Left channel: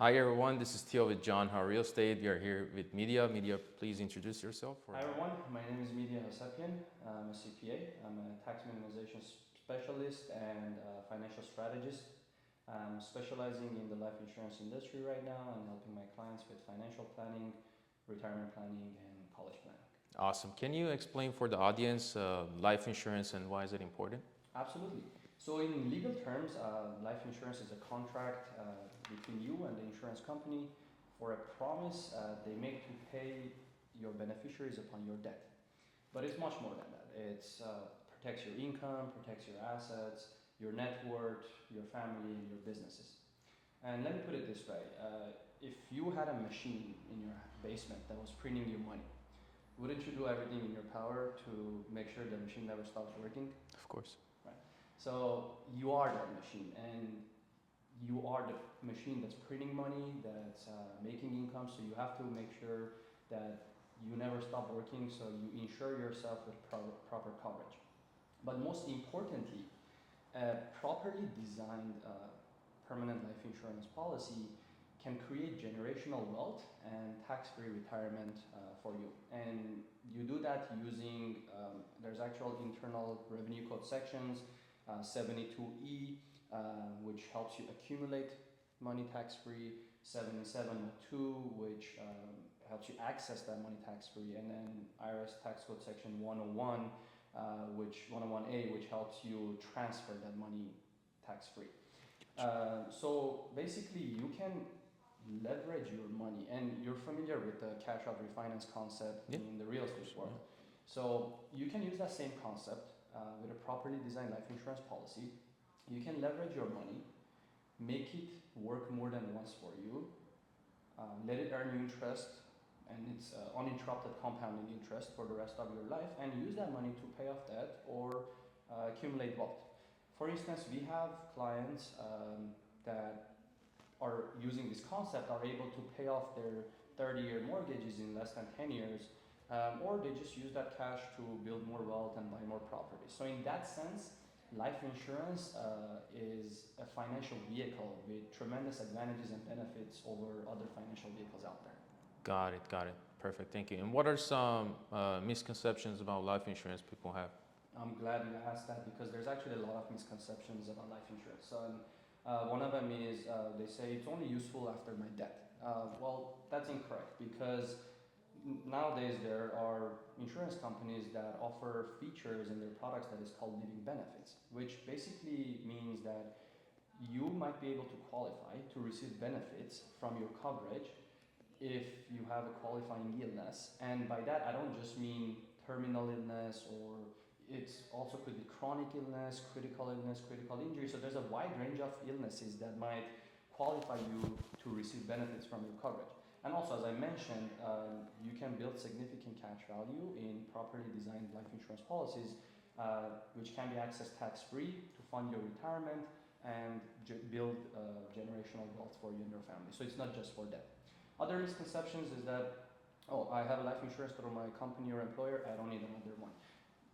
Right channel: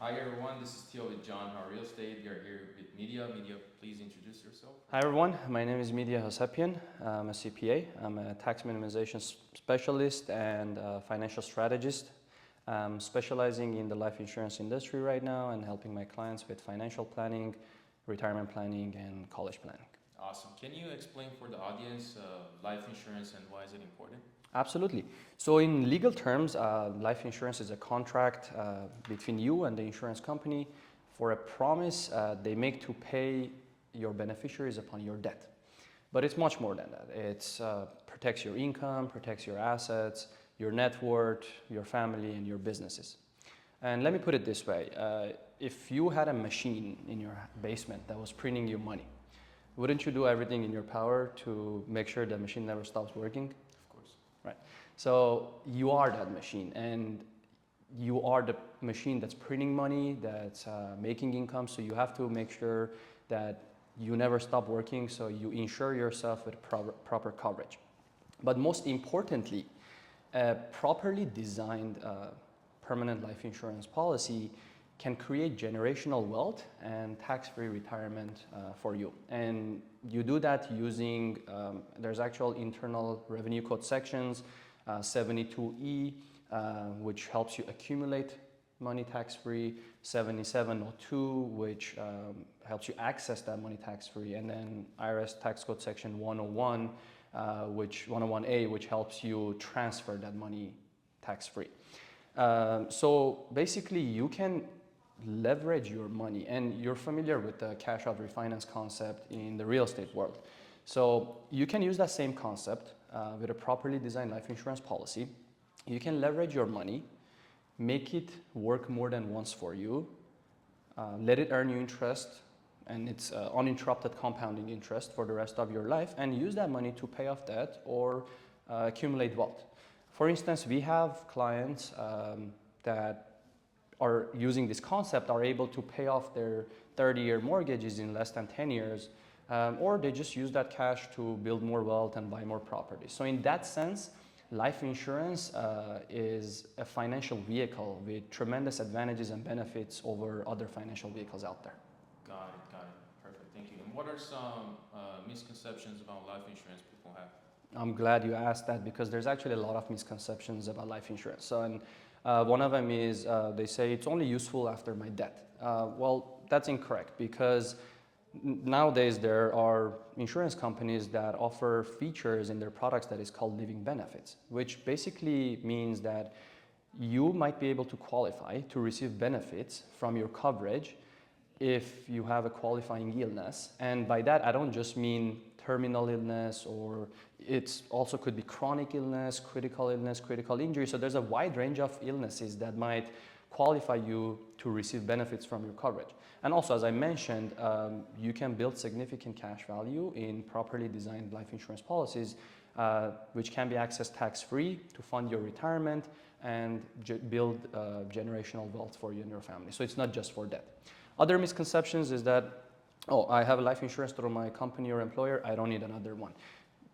Hi everyone, this is Theo with John How Real Estate. We are here with Midya. Midya, please introduce yourself. Hi everyone, my name is Midya Housepian. I'm a CPA. I'm a tax minimization specialist and financial strategist. I'm specializing in the life insurance industry right now and helping my clients with financial planning, retirement planning, and college planning. Awesome. Can you explain for the audience life insurance and why is it important? Absolutely. So in legal terms, life insurance is a contract between you and the insurance company for a promise they make to pay your beneficiaries upon your death. But it's much more than that. It protects your income, protects your assets, your net worth, your family, and your businesses. And let me put it this way. If you had a machine in your basement that was printing you money, wouldn't you do everything in your power to make sure the machine never stops working? Of course. Right. So you are that machine, and you are the machine that's printing money, that's making income. So you have to make sure that you never stop working. So you insure yourself with proper coverage. But most importantly, a properly designed permanent life insurance policy can create generational wealth and tax-free retirement for you. And you do that using, there's actual internal revenue code sections, 72E, which helps you accumulate money tax-free, 7702, which helps you access that money tax-free, and then IRS tax code section 101, 101A, which helps you transfer that money tax-free. So basically you can leverage your money, and you're familiar with the cash out refinance concept in the real estate world. So you can use that same concept with a properly designed life insurance policy. You can leverage your money, make it work more than once for you, let it earn you interest, and it's uninterrupted compounding interest for the rest of your life, and use that money to pay off debt or accumulate wealth. For instance, we have clients that are using this concept, are able to pay off their 30-year mortgages in less than 10 years, or they just use that cash to build more wealth and buy more properties. So in that sense, life insurance is a financial vehicle with tremendous advantages and benefits over other financial vehicles out there. Got it. Perfect, thank you. And what are some misconceptions about life insurance people have? I'm glad you asked that, because there's actually a lot of misconceptions about life insurance. So, one of them is they say it's only useful after my death. Well, that's incorrect, because nowadays there are insurance companies that offer features in their products that is called living benefits, which basically means that you might be able to qualify to receive benefits from your coverage if you have a qualifying illness. And by that, I don't just mean terminal illness, or it also could be chronic illness, critical injury. So there's a wide range of illnesses that might qualify you to receive benefits from your coverage. And also, as I mentioned, you can build significant cash value in properly designed life insurance policies, which can be accessed tax-free to fund your retirement and build generational wealth for you and your family. So it's not just for death. Other misconceptions is that, oh, I have a life insurance through my company or employer, I don't need another one.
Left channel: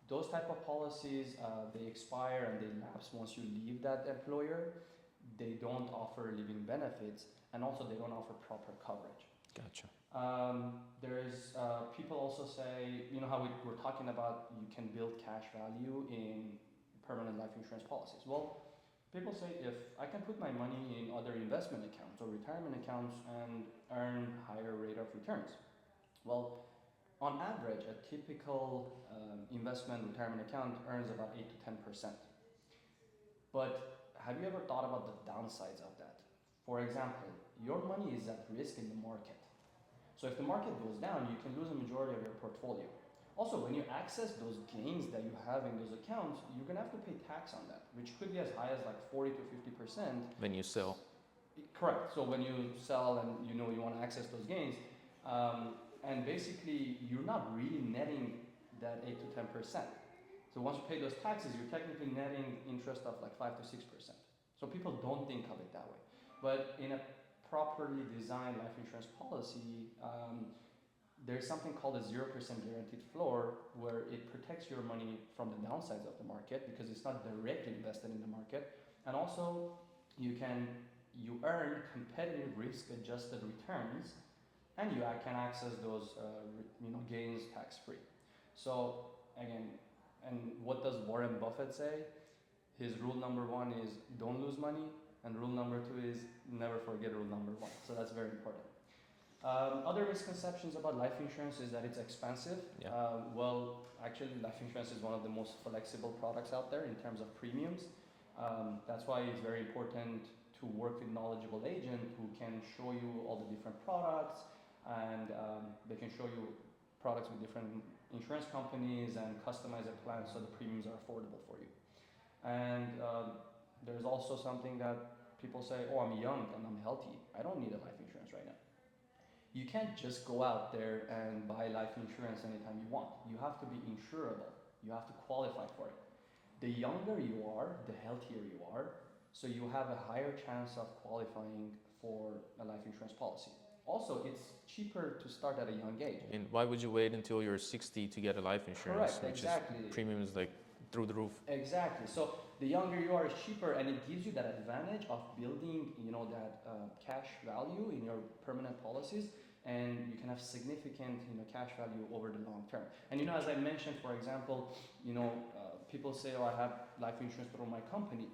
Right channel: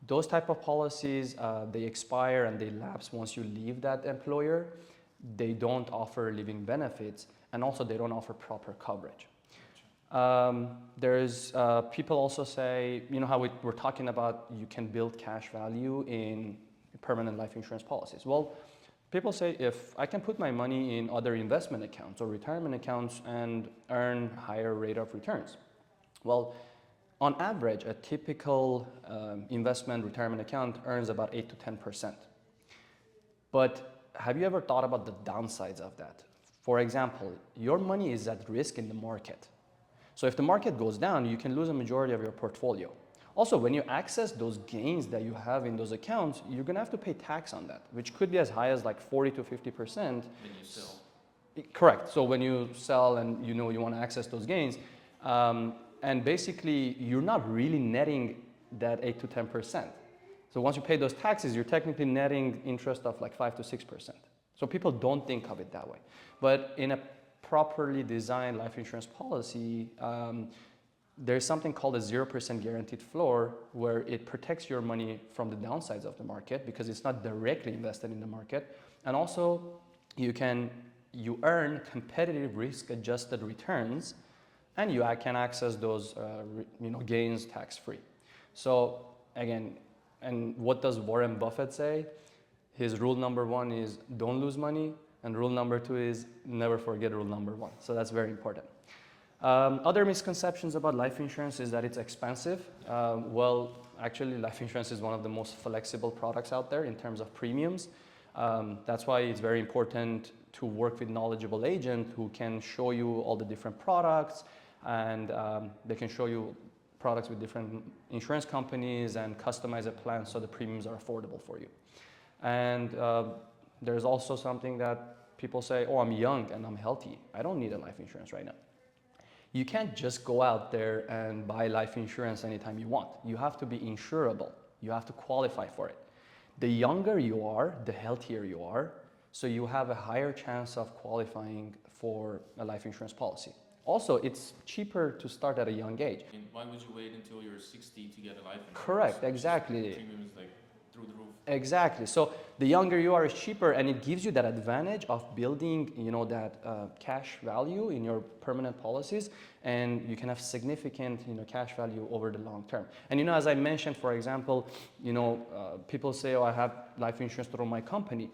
Those type of policies, they expire and they lapse once you leave that employer. They don't offer living benefits, and also they don't offer proper coverage. Gotcha. There's people also say, you know how we're talking about you can build cash value in permanent life insurance policies. Well, people say, if I can put my money in other investment accounts or retirement accounts and earn higher rate of returns. Well, on average, a typical investment retirement account earns about 8 to 10%. But have you ever thought about the downsides of that? For example, your money is at risk in the market. So if the market goes down, you can lose a majority of your portfolio. Also, when you access those gains that you have in those accounts, you're gonna have to pay tax on that, which could be as high as like 40 to 50%. When you sell. Correct. So when you sell and you know you want to access those gains, and basically you're not really netting that 8 to 10%. So once you pay those taxes, you're technically netting interest of like 5 to 6%. So people don't think of it that way. But in a properly designed life insurance policy, there's something called a 0% guaranteed floor, where it protects your money from the downsides of the market because it's not directly invested in the market. And also you can you earn competitive risk-adjusted returns, and you can access those gains tax-free. So again, and what does Warren Buffett say? His rule number one is don't lose money, and rule number two is never forget rule number one. So that's very important. Other misconceptions about life insurance is that it's expensive. Yeah. Well, actually, life insurance is one of the most flexible products out there in terms of premiums. That's why it's very important to work with knowledgeable agent who can show you all the different products, and they can show you products with different insurance companies and customize a plan so the premiums are affordable for you. And there's also something that people say, oh, I'm young and I'm healthy. I don't need a life insurance right now. You can't just go out there and buy life insurance anytime you want. You have to be insurable. You have to qualify for it. The younger you are, the healthier you are, so you have a higher chance of qualifying for a life insurance policy. Also, it's cheaper to start at a young age. And why would you wait until you're 60 to get a life insurance? Correct, exactly. Premium is like through the roof. Exactly. So the younger you are, is cheaper, and it gives you that advantage of building, that cash value in your permanent policies, and you can have significant, cash value over the long term. And as I mentioned, for example, people say, oh, I have life insurance through my company,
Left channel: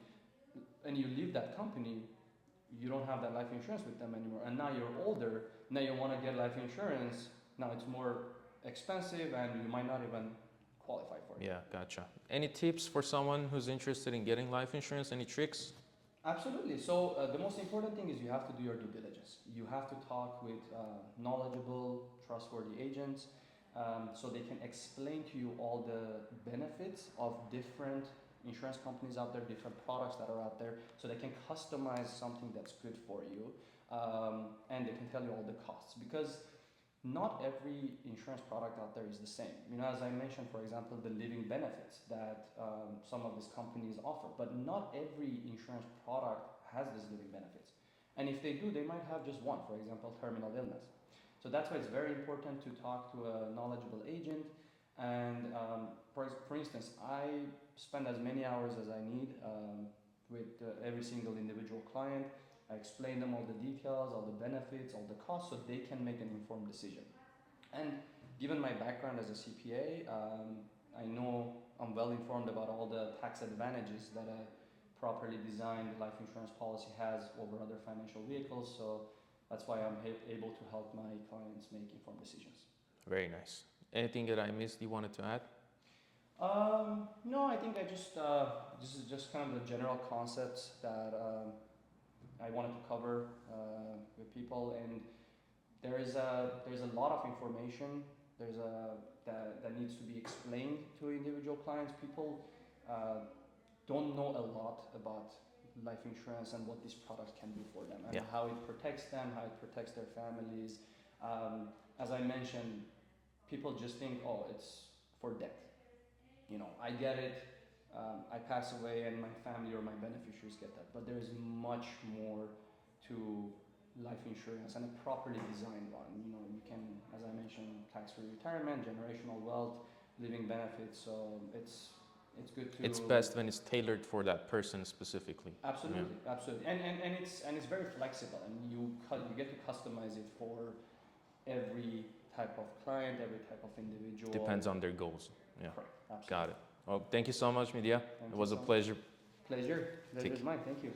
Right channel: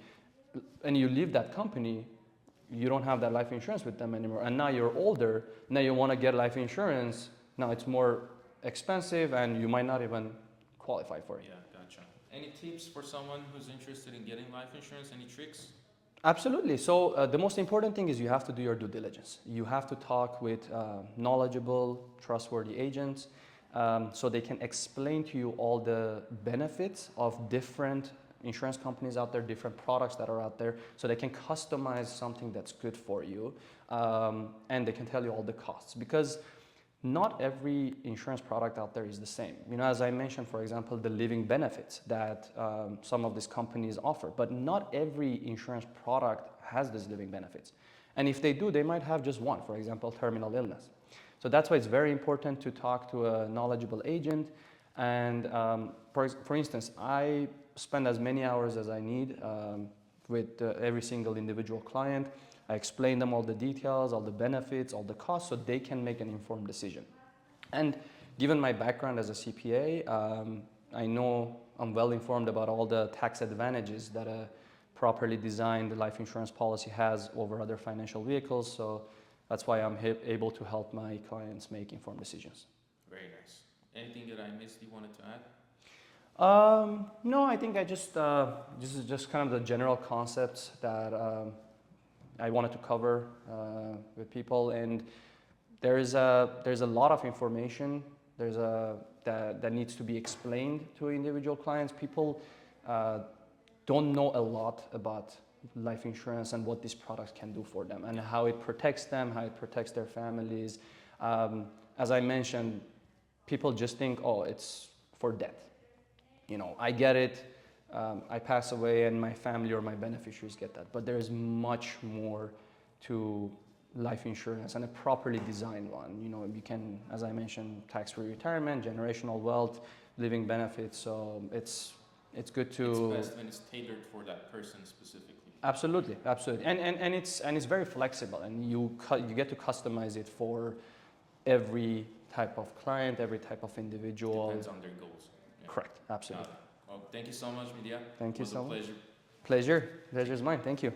and you leave that company, you don't have that life insurance with them anymore, and now you're older. Now you want to get life insurance. Now it's more expensive, and you might not even qualify for it. Yeah, gotcha. Any tips for someone who's interested in getting life insurance? Any tricks? Absolutely. So the most important thing is you have to do your due diligence. You have to talk with knowledgeable, trustworthy agents so they can explain to you all the benefits of different insurance companies out there, different products that are out there, so they can customize something that's good for you, and they can tell you all the costs, because not every insurance product out there is the same. As I mentioned, for example, the living benefits that some of these companies offer, but not every insurance product has these living benefits. And if they do, they might have just one, for example, terminal illness. So that's why it's very important to talk to a knowledgeable agent. And for instance, I spend as many hours as I need with every single individual client. I explain them all the details, all the benefits, all the costs, so they can make an informed decision. And given my background as a CPA, I know I'm well informed about all the tax advantages that a properly designed life insurance policy has over other financial vehicles. So that's why I'm able to help my clients make informed decisions. Very nice. Anything that I missed you wanted to add? No, I think this is just kind of the general concepts that I wanted to cover with people, and there's a lot of information that needs to be explained to individual clients. People don't know a lot about life insurance and what these products can do for them, and how it protects them, how it protects their families. As I mentioned, people just think, oh, it's for death. I get it. I pass away and my family or my beneficiaries get that. But there is much more to life insurance, and a properly designed one. You can, as I mentioned, tax-free retirement, generational wealth, living benefits. So it's good to. It's best when it's tailored for that person specifically. Absolutely, absolutely, and it's very flexible, and you get to customize it for every type of client, every type of individual. Depends on their goals. Yeah. Correct. Absolutely. Got it. Well, thank you so much, Midya. Thank you. It was a pleasure. Pleasure is mine. Thank you.